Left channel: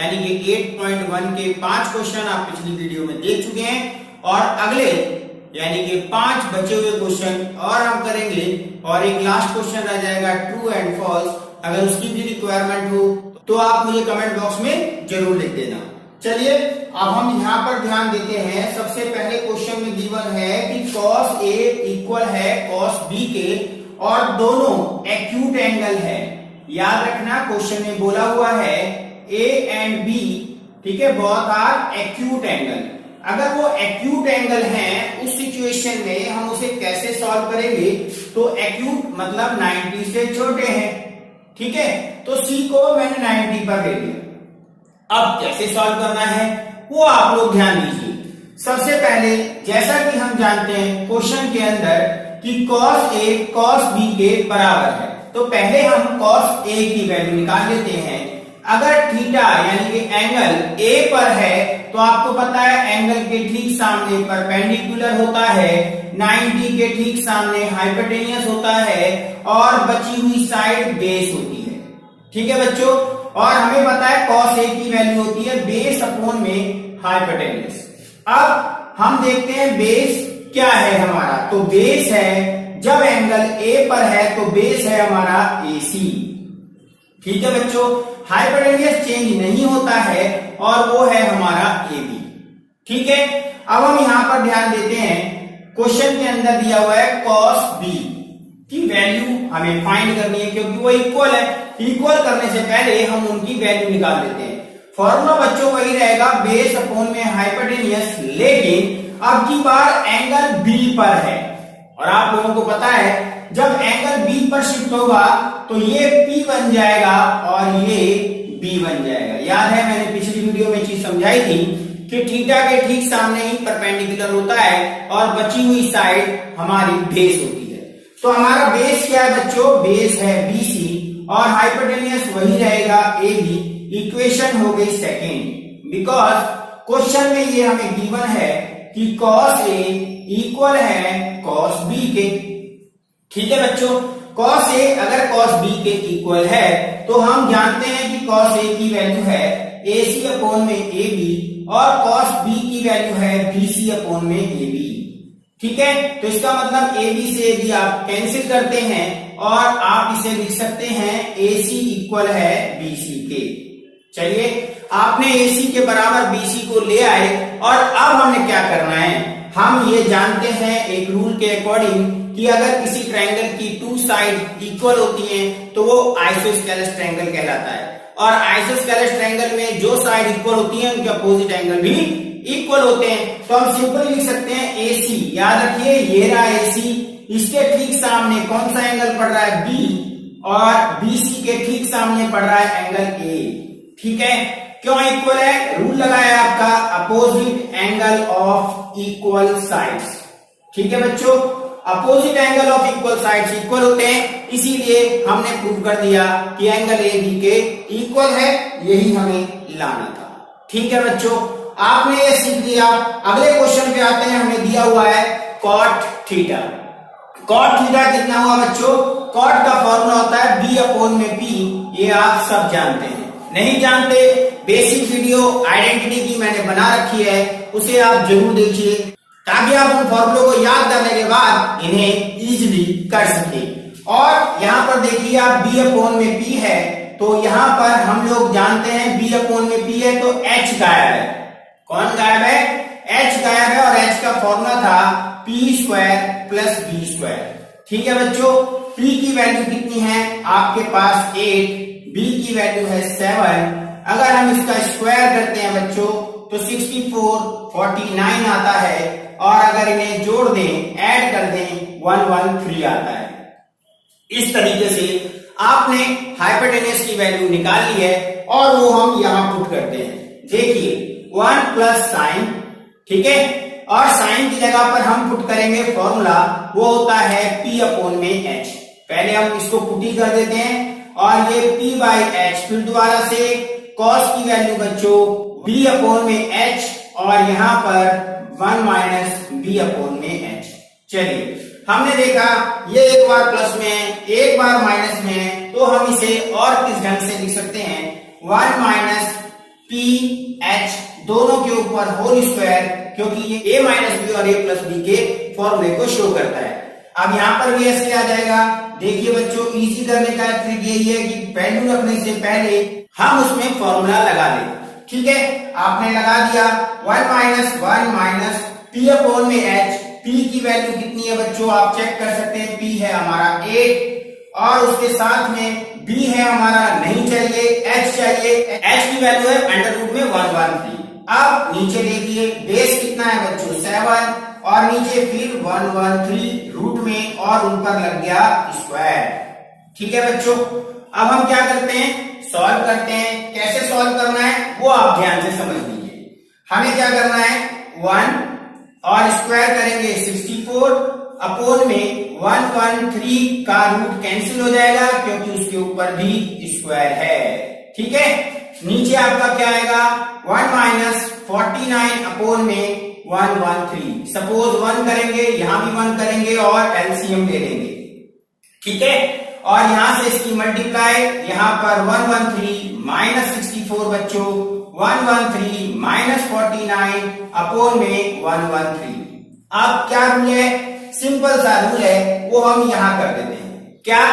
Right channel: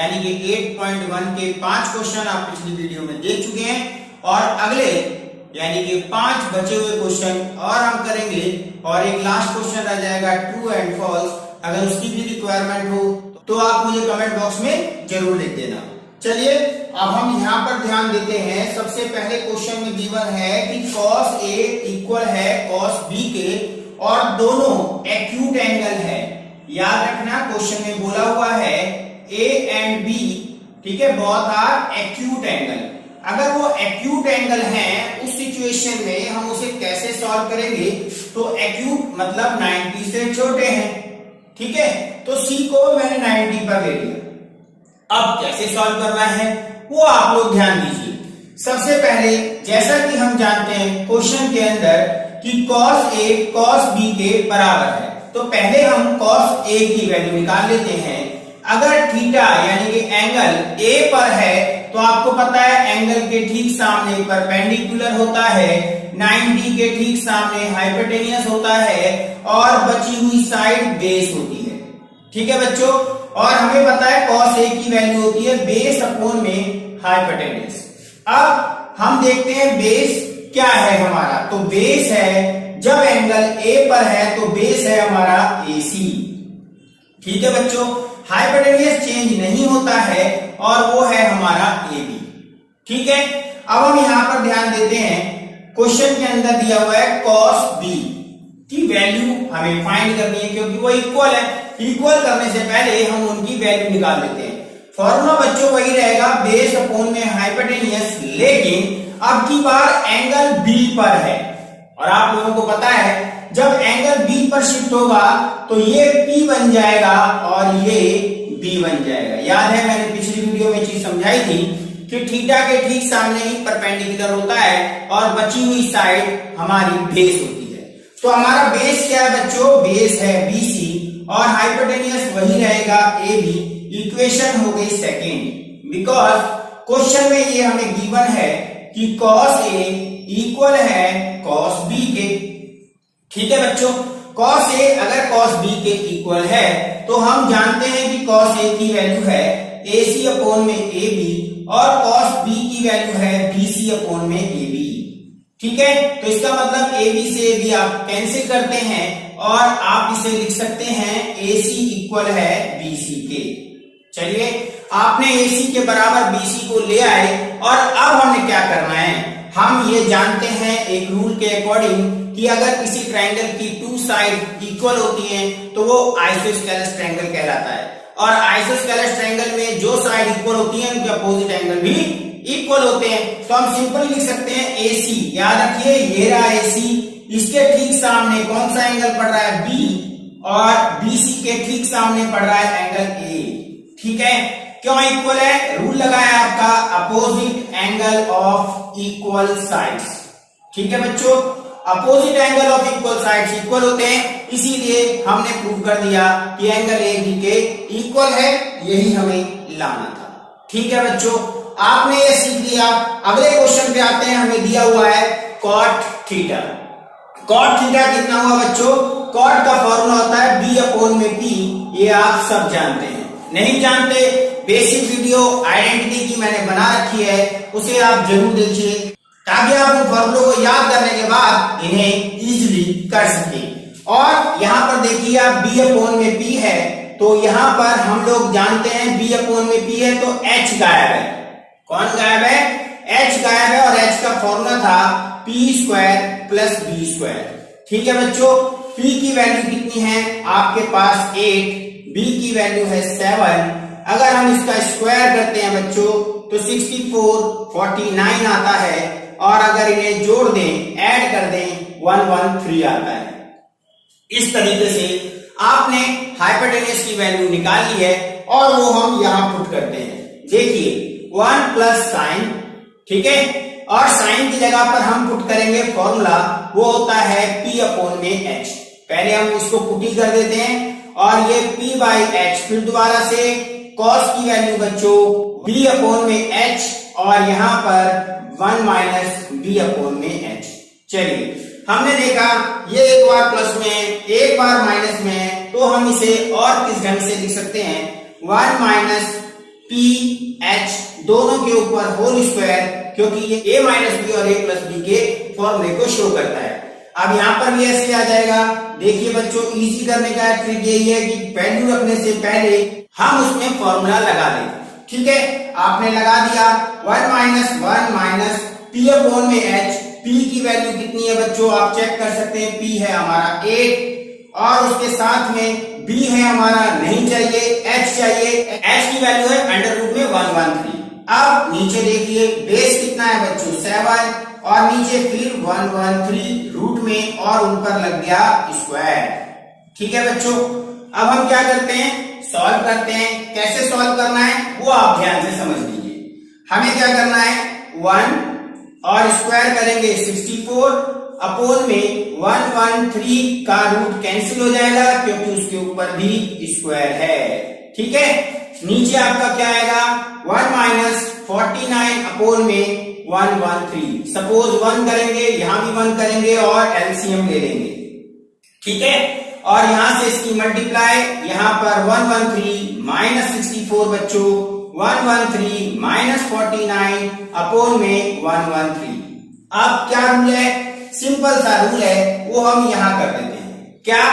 यानी कि 8.1 के 5 क्वेश्चन आप पिछली वीडियो में देख चुके हैं और अगले यानी कि 5 बचे हुए क्वेश्चन और हम करेंगे और एक लास्ट क्वेश्चन रह जाएगा ट्रू एंड फॉल्स। अगर उसकी भी रिक्वायरमेंट हो तो आप मुझे कमेंट बॉक्स में जरूर लिख देना। चलिए अब हम यहाँ पर ध्यान देते हैं। सबसे पहले क्वेश्चन में गिवन है कि cos A इक्वल है cos B के और दोनों एक्यूट एंगल है। याद रखना क्वेश्चन में बोला हुआ है A एंड B, ठीक है, बोथ आर एक्यूट एंगल। अगर वो एक्यूट एंगल हैं उस सिचुएशन में हम उसे कैसे सॉल्व करेंगे? तो एक्यूट मतलब 90 से छोटे हैं, ठीक है, तो C को मैंने 90 पर ले लिया। अब कैसे सॉल्व करना है वो आप लोग ध्यान दीजिए। सबसे पहले जैसा कि हम जानते हैं क्वेश्चन के अंदर कि cos A cos B के बराबर है, तो पहले हम cos A की वैल्यू निकाल लेते हैं। अगर थीटा यानी कि एंगल A पर है तो आपको पता है एंगल के ठीक सामने परपेंडिकुलर होता है, 90 के ठीक सामने हाइपोटेनियस होता है और बची हुई साइड बेस होती है, ठीक है बच्चों। और हमें पता है cos A की वैल्यू होती है बेस अपॉन में हाइपोटेनियस। अब हम देखते हैं बेस क्या है हमारा, तो बेस है जब एंगल A पर है तो बेस है हमारा AC, ठीक है बच्चों। हाइपोटेनियस चेंज नहीं होता है और वो है हमारा AB, ठीक है। अब हम यहां पर ध्यान देते हैं क्वेश्चन के अंदर दिया हुआ है cos B की वैल्यू हमें फाइंड करनी है क्योंकि वो इक्वल है। इक्वल करने से पहले हम उनकी वैल्यू निकाल लेते हैं। फॉर्मूला बच्चों वही रहेगा बेस अपॉन में हाइपोटेनियस, लेकिन अब की बार एंगल B पर है और आप लोगों को पता है जब एंगल B पर शिफ्ट होगा तो ये P बन जाएगा और ये B बन जाएगा। याद है मैंने पिछली वीडियो में चीज समझाई थी कि थीटा के ठीक सामने ही परपेंडिकुलर होता है और बची हुई साइड हमारी बेस होती है। तो हमारा बेस क्या है बच्चों? बेस है BC और हाइपोटेनियस वही रहेगा AB। इक्वेशन हो गई सेकेंड, बिकॉज क्वेश्चन में ये हमें गिवन है कि cos A इक्वल है cos B के, ठीक है बच्चों। cos A अगर cos B के इक्वल है तो हम जानते हैं कि cos A की वैल्यू है AC अपॉन में AB और cos B की वैल्यू है BC अपॉन में AB, ठीक है। तो इसका मतलब AB से AB आप कैंसिल करते हैं और आप इसे लिख सकते हैं AC इक्वल है BC के। चलिए आपने AC के बराबर BC को ले आए और अब हमें क्या करना है? हम ये जानते हैं एक रूल के अकॉर्डिंग कि अगर किसी ट्रायंगल की 2 साइड इक्वल होती हैं तो वो आइसोस्केलस ट्रायंगल कहलाता है और आइसोस्केलस ट्रायंगल में जो साइड इक्वल होती है उनके अपोजिट एंगल भी इक्वल होते हैं। तो हम सिंपली लिख सकते हैं AC। याद रखिए ये रहा AC, इसके ठीक सामने कौन सा एंगल पड़ रहा है? B और BC के ठीक सामने पड़ रहा है एंगल A, ठीक है। क्यों इक्वल है? रूल लगाया आपका opposite angle of equal sides, ठीक है बच्चों। Opposite angle of equal sides equal होते हैं, इसीलिए हमने प्रूव कर दिया कि एंगल AB के इक्वल है, यही हमें लाना था, ठीक है बच्चों। आपने ये सीख लिया। अगले क्वेश्चन पे आते हैं। हमें दिया हुआ है cot थीटा। cot थीटा कितना हुआ बच्चों? cot का फॉर्मूला होता है B अपॉन में P, ये आप सब जानते हैं। नहीं जानते बेसिक वीडियो आइडेंटिटी की मैंने बना रखी है, उसे आप जरूर देखिए ताकि आप उन फॉर्मूलों को याद करने के बाद इन्हें इजीली कर सके। और यहाँ पर देखिए आप B अपॉन में P है तो यहाँ पर हम लोग जानते हैं B अपॉन में P है तो H गायब है। कौन गायब है? H गायब है और H का फॉर्मूला था P square plus B square, ठीक है बच्चों। P की वैल्यू कितनी है आपके पास? 8, B की वैल्यू है 7। अगर हम इसका स्क्वायर करते हैं बच्चों तो 64, 49 आता है और अगर इन्हें जोड़ दें, ऐड कर दें, 113 आता है। इस तरीके से आपने हाइपोटेन्यूज की वैल्यू निकाल ली है और वो हम यहां पुट करते हैं। देखिए 1 प्लस साइन, ठीक है, और साइन की जगह पर हम पुट करेंगे फॉर्मूला, वो होता है P अपॉन में H। पहले हम इसको पुटी कर देते हैं और ये P बाई H, फिर दोबारा से cos की वैल्यू बच्चों B अपॉन में H और यहां पर 1 माइनस B अपॉन में H। चलिए हमने देखा ये एक बार प्लस में है, एक बार माइनस में है, तो हम इसे और किस ढंग से लिख सकते हैं? 1 माइनस पी एच दोनों के ऊपर होल स्क्वायर, क्योंकि ये ए माइनस बी और ए प्लस बी के फॉर्मूले को शो करता है। अब यहाँ पर भी ऐसे आ जाएगा। देखिए बच्चों, इजी करने का ट्रिक यही है कि वैल्यू रखने से पहले हम उसमें फॉर्मूला लगा दें। ठीक है, आपने लगा दिया 1 माइनस पी अपॉन में एच। पी की वैल्यू कितनी है बच्चों, आप चेक कर सकते हैं। पी है हमारा 8 और उसके साथ में बी है हमारा नहीं चाहिए, एच चाहिए। एच की वैल्यू है अंडर रूट में 113। अब नीचे देखिए बेस कितना है बच्चों 7 और नीचे फिर 113 रूट में और उन पर लग गया स्क्वायर। ठीक है बच्चों, अब हम क्या करते हैं, सॉल्व करते हैं। कैसे सॉल्व करना है वो आप ध्यान से समझ लीजिए। हमें क्या करना है, 1 और स्क्वायर करेंगे 64 अपोन में 113 का रूट कैंसिल हो जाएगा क्योंकि उसके ऊपर भी स्क्वायर है। ठीक है, नीचे आपका क्या आएगा 1 माइनस 49 अपोन में 113। सपोज 1 करेंगे, यहां भी 1 करेंगे और एलसीएम ले लेंगे। ठीक है, और यहां से इसकी मल्टीप्लाई, यहां पर 113 माइनस 64 बच्चों 113 माइनस 49 अपोन में 113। अब क्या रूल है, सिंपल सा रूल है, वो हम यहां कर देते हैं। क्या,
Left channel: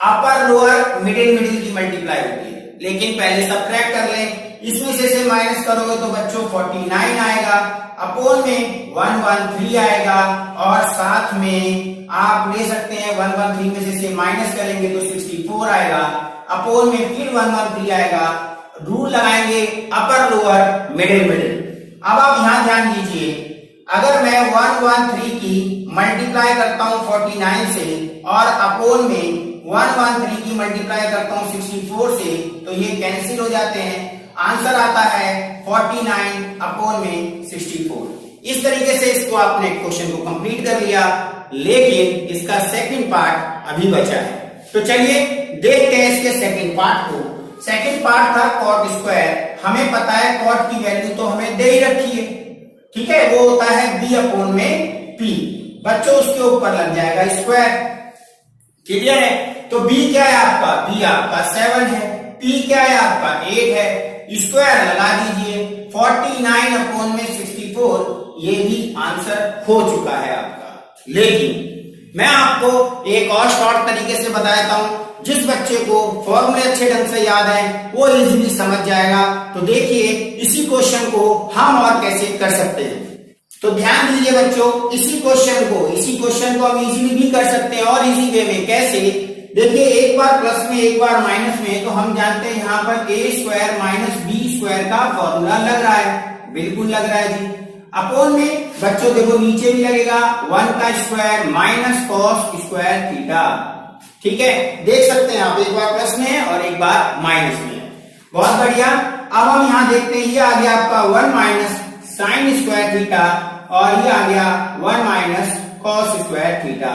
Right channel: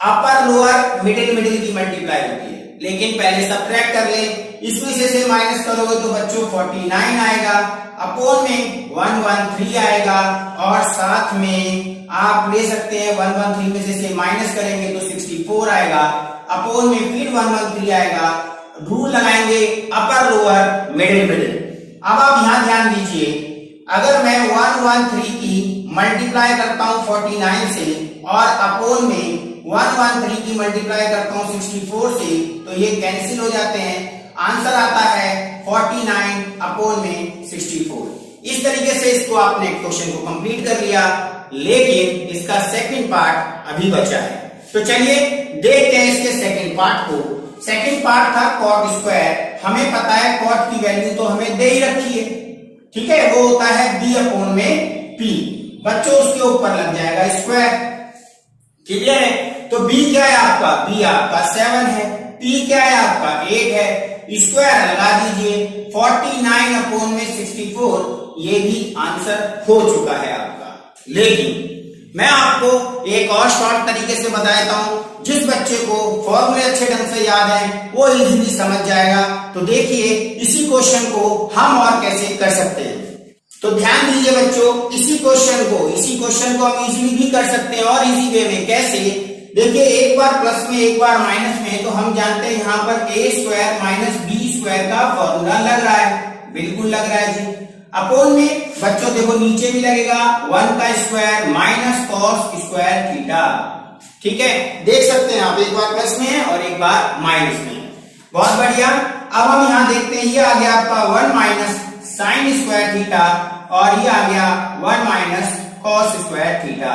अपर लोअर मिडिल मिडिल की मल्टीप्लाई होती है, लेकिन पहले सब्ट्रैक्ट कर लें। इसमें से माइनस करोगे तो बच्चों 49 आएगा, अपोन में 113 आएगा और साथ में आप ले सकते हैं 113 में से माइनस करेंगे तो 64 आएगा, अपोन में फिर 113 आएगा। रूल लगाएंगे अपर लोअर मिडिल मिडिल। अब आप यहां ध्यान दीजिए, अगर मैं 113 की मल्टीप्लाई करता हूं 49 से और अपोन में 113 की मल्टीप्लाई करता हूं 64 से, तो ये कैंसिल हो जाते हैं। आंसर आता है 49 अपोन में 64। इस तरीके से इसको आपने क्वेश्चन को कंप्लीट कर लिया, लेकिन इसका सेकंड पार्ट अभी बचा है। तो चलिए देखते हैं इसके सेकंड पार्ट को। सेकंड पार्ट था कॉट स्क्वायर। हमें पता है कॉट की वैल्यू तो हमें दे ही रखी है। ठीक है, वो होता है बी अपॉन में पी। बच्चों उसके ऊपर लग जाएगा स्क्वायर। क्लियर है, तो बी क्या है आपका, बी आपका 7 है, पी क्या है आपका 8 है। स्क्वायर लगा दीजिए 49 अपोन में 64, ये भी आंसर हो चुका है आपका। लेकिन मैं आपको एक और शॉर्ट तरीके से बता देता हूं, जिस बच्चे को फॉर्मूले अच्छे ढंग से याद है वो इजीली समझ जाएगा। तो देखिए इसी क्वेश्चन को हम और कैसे कर सकते हैं। तो ध्यान दीजिए बच्चों, इसी क्वेश्चन को हम इजीली भी कर सकते हैं और इजी वे में। कैसे, देखिए एक बार प्लस में एक बार माइनस में, तो हम जानते हैं यहाँ पर ए स्क्वायर माइनस बी स्क्वायर का फॉर्मूला लग रहा है, बिल्कुल लग रहा है जी। अपोन में बच्चों देखो नीचे भी लगेगा 1 का square minus cos square theta. ठीक है, देख सकते हैं आप, एक बार प्लस में है और एक बार माइनस में है। बहुत बढ़िया। अब हम यहाँ देखते हैं, ये आ गया आपका 1 माइनस साइन स्क्वायर थीटा और ये आ गया 1 माइनस कॉस स्क्वायर थीटा।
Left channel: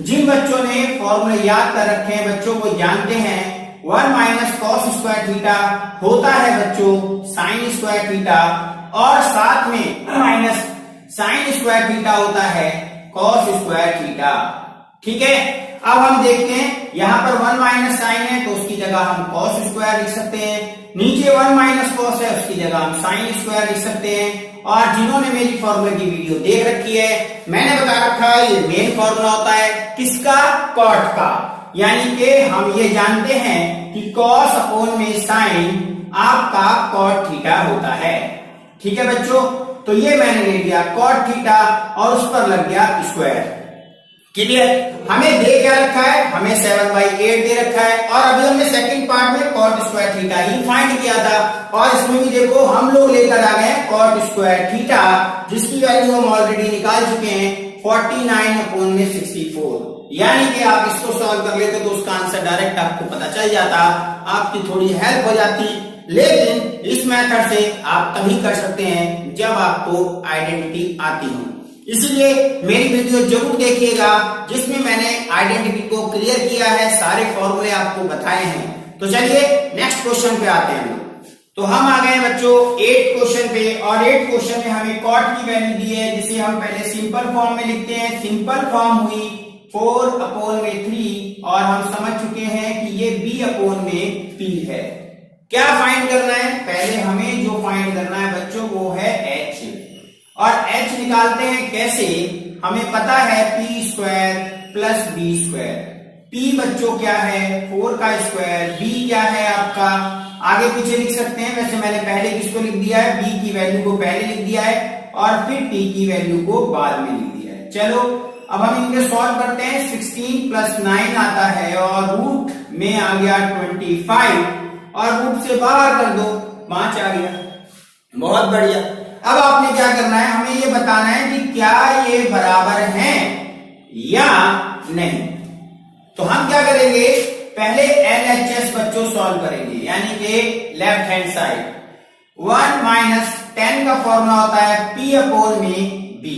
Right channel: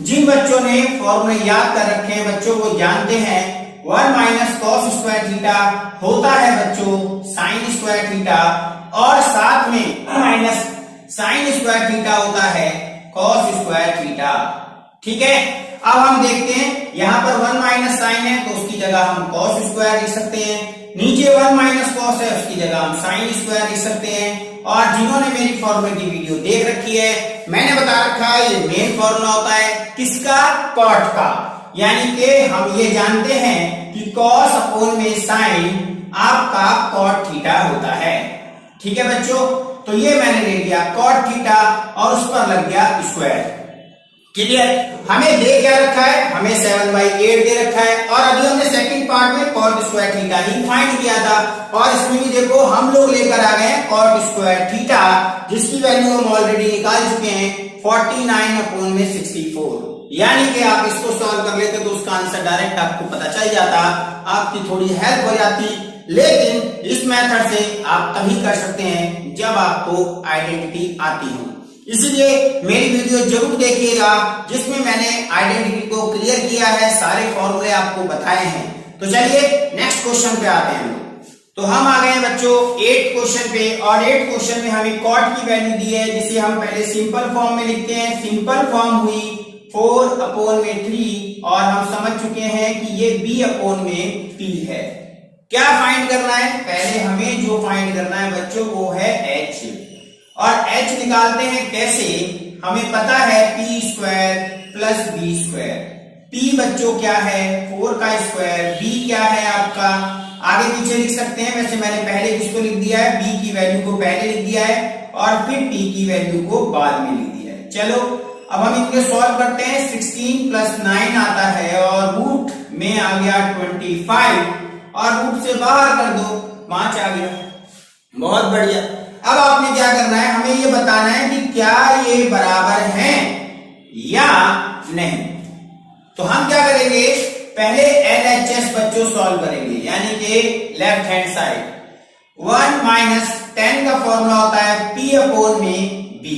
जिन बच्चों ने फॉर्मूले याद कर रखे हैं बच्चों को जानते हैं 1 माइनस कॉस स्क्वायर थीटा होता है बच्चों साइन स्क्वायर थीटा, और साथ में माइनस साइन स्क्वायर थीटा होता है कॉस स्क्वायर थीटा। ठीक है, अब हम देखते हैं यहाँ पर 1 माइनस साइन है तो उसकी जगह हम कॉस स्क्वायर लिख सकते हैं, नीचे 1 माइनस कॉस है उसकी जगह हम साइन स्क्वायर लिख सकते हैं। और जिन्होंने मेरी फॉर्मूले की वीडियो देख रखी है, मैंने बता रखा है ये मेन फॉर्मूला होता है किसका, कॉट का। यानी कि हम ये जानते हैं कि कॉस अपोन में साइन आपका कॉट थीटा होता है। ठीक है बच्चों, तो ये मैंने ले लिया कॉट थीटा और उस पर लग गया स्क्वायर। क्लियर, हमें दे क्या रखा है, हमें 7/8 दे रखा है और अभी हमने सेकंड पार्ट में कॉट स्क्वायर थीटा ही फाइंड किया था। और इसमें भी देखो हम लोग लेकर आ गए कॉट स्क्वायर थीटा, जिसकी वैल्यू हम ऑलरेडी निकाल चुके हैं 49 अपोन में 64। यानी कि आप इसको सॉल्व कर लेते तो उसका आंसर डायरेक्ट आपको पता चल जाता, आपकी थोड़ी हेल्प हो जाती। लेकिन इस मेथड से आप तभी कर सकते हैं जब आपको आइडेंटिटी आती हो। इसलिए मेरी वीडियो जरूर देखिएगा जिसमें मैंने आइडेंटिटी को क्लियर किया है, सारे फॉर्मूले आपको बताए हैं। तो चलिए नेक्स्ट क्वेश्चन पे आते हैं हम लोग। तो हम आ गए बच्चों 8 क्वेश्चन पे, और 8 क्वेश्चन में हमें कॉट की वैल्यू दी है जिसे हम पहले सिंपल फॉर्म में लिखते हैं। सिंपल फॉर्म हुई 4 अपोन में 3 और हम समझ चुके हैं कि ये b अपोन में p है। क्या फाइंड करना है? पहले हमें जो फाइंड करना है बच्चों वो है h, और h निकालते हैं कैसे? हमें पता है p square plus b square. p बच्चों क्या है? 4 का स्क्वायर। b क्या है आपका? आगे पीछे लिख सकते हैं, वैसे मैंने पहले किसको लिख दिया है? b की वैल्यू को पहले लिख दिया है और फिर p की वैल्यू को बाद में लिख दिया है। चलो अब हम इनके सॉल्व करते हैं। 16 प्लस 9 आता है और रूट में आ गया 25 और रूट से बाहर कर दो, 5 आ गया। बहुत बढ़िया। अब आपने क्या करना है? हमें ये बताना है कि क्या ये बराबर हैं या नहीं। तो हम क्या करेंगे? पहले LHS बच्चों सॉल्व करेंगे, यानी कि लेफ्ट हैंड साइड। 1 माइनस 10 का फॉर्मूला होता है P अपॉन में B,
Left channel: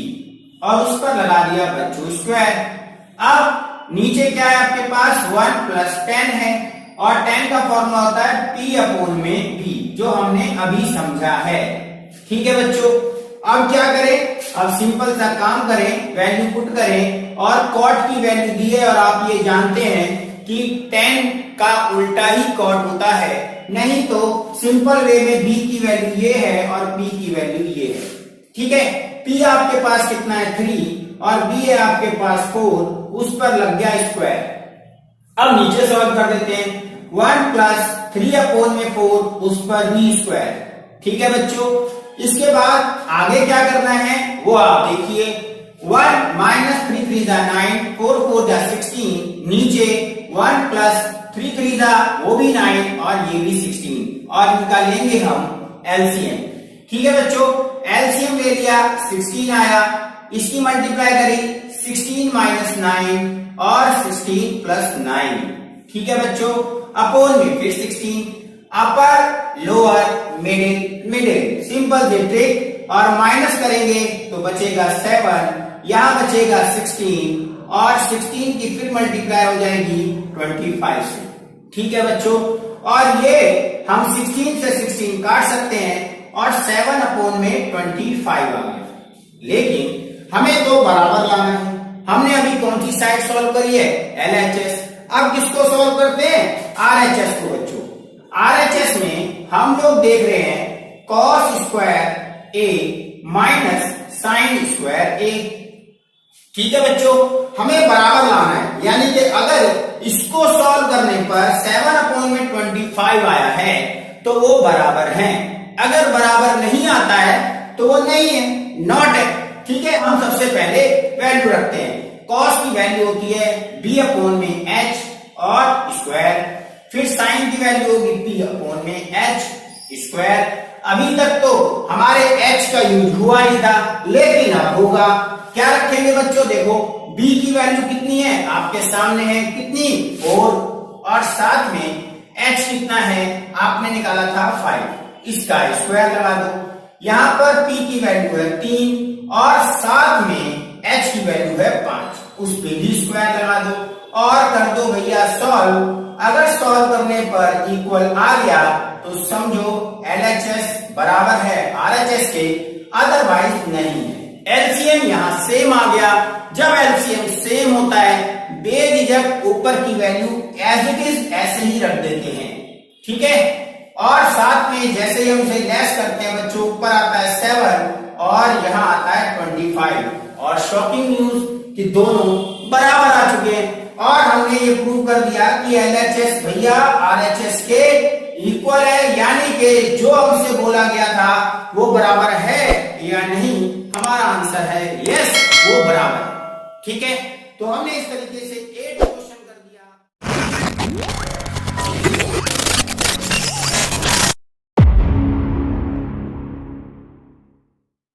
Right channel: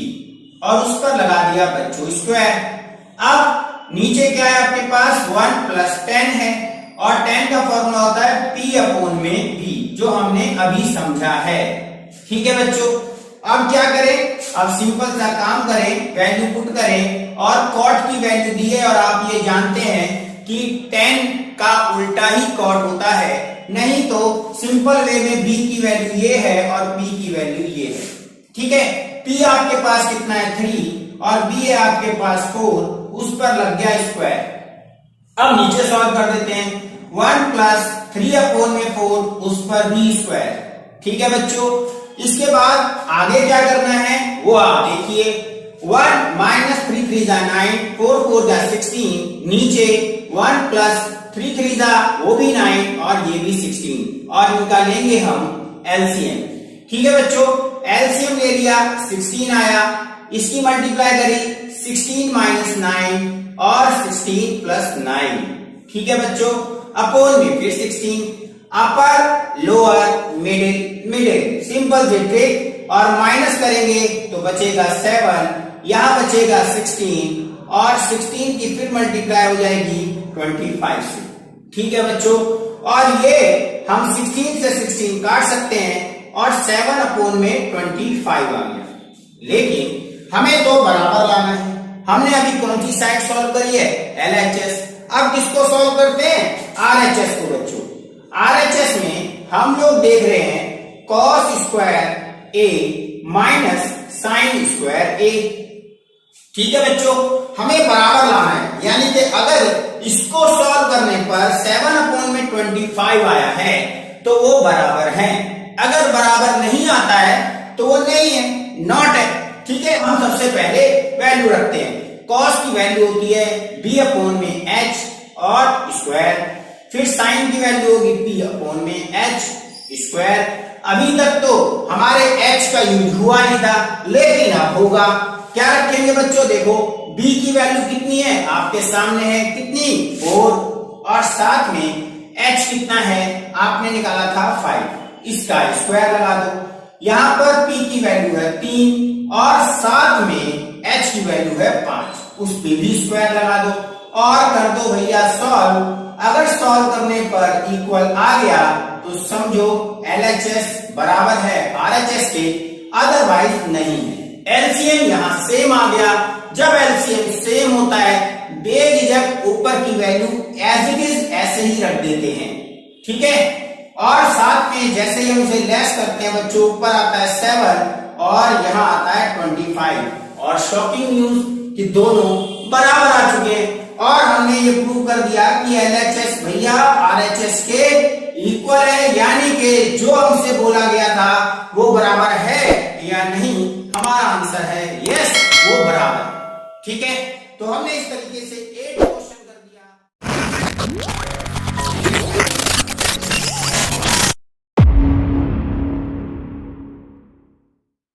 और उस पर लगा दिया बच्चों स्क्वायर। अब नीचे क्या है आपके पास? 1 प्लस 10 है, और 10 का फॉर्मूला होता है P अपॉन में B, जो हमने अभी समझा है। ठीक है बच्चों, अब क्या करें? अब सिंपल सा काम करें, वैल्यू पुट करें, और कॉट की वैल्यू दी है और आप ये जानते हैं कि 10 का उल्टा ही कॉट होता है, नहीं तो सिंपल वे में b की वैल्यू ये है और p की वैल्यू ये है। ठीक है, p आपके पास कितना है? 3, और b है आपके पास 4, उस पर लग गया स्क्वायर। अब नीचे सॉल्व कर देते हैं। 1 प्लस 3 अपॉन में 4, उस पर भी स्क्वायर। ठीक है बच्चों, इसके बाद आगे क्या करना है वो आप देखिए। 1 माइनस 3 3 जा 9, 4 4 जा 16, नीचे 1 प्लस 3 3 जा वो भी 9 और ये भी 16, और इनका लेंगे हम एलसीएम। ठीक है बच्चों, एलसीएम ले लिया, 16 आया, इसकी मल्टीप्लाई करी 16 माइनस 9 और 16 प्लस 9। ठीक है बच्चों, अपॉन में फिर 16, upper lower middle middle, simple से ट्रिक, और माइनस करेंगे तो बचेगा 7, यहां बचेगा 16, और 16 की फिर मल्टीप्लाई हो जाएगी 25 से। ठीक है बच्चों, और ये हम 16 से 16 काट सकते हैं और 7 अपॉन में 25 आ गया। लेकिन हमें तो बराबर लाना है। हमने अभी कौन सी साइड सॉल्व करी है? LHS। अब किसको सॉल्व करते हैं? RHS को बच्चों। RHS में हम लोग देख रहे हैं cos square A minus sine square A। ठीक है बच्चों, हमें बराबर लाना है, यानी कि अगर इसको सॉल्व करने पर 7 अपॉन में 25 आया है तो वो बराबर है, अगर बराबर नहीं आता है तो वो नहीं है, नॉट है। ठीक है, हम सबसे पहले वैल्यू रखते हैं। cos की वैल्यू होती है b अपॉन में h और स्क्वायर, फिर साइन की वैल्यू होगी p अपॉन में h स्क्वायर। अभी तक तो हमारे h का यूज हुआ नहीं था, लेकिन अब होगा। क्या रखेंगे बच्चों? देखो b की वैल्यू कितनी है आपके सामने है, कितनी? 4, और साथ में h कितना है आपने निकाला था 5, इसका स्क्वायर लगा दो। यहां पर p की वैल्यू है 3 और साथ में h की वैल्यू है 5, उस पे भी स्क्वायर लगा दो और कर दो भैया सॉल्व। अगर सॉल्व करने पर इक्वल आ गया तो समझो LHS बराबर है RHS के, अदरवाइज नहीं है। एलसीएम यहां सेम आ गया। जब एलसीएम सेम होता है बेझिझक ऊपर की वैल्यू एज इट इज ऐसे ही रख देते हैं। ठीक है, और साथ में जैसे ही हम इसे लेस करते हैं बच्चों, ऊपर आता है 7 और यहाँ आता है 25, और शॉकिंग न्यूज कि दोनों बराबर आ चुके हैं। और हमने ये प्रूव कर दिया कि LHS भैया RHS के इक्वल है, यानी कि जो हमसे बोला गया था वो बराबर है या नहीं। हमारा आंसर है यस, वो बराबर। ठीक है, तो हमने इस तरीके से 8 क्वेश्चन कर दिया।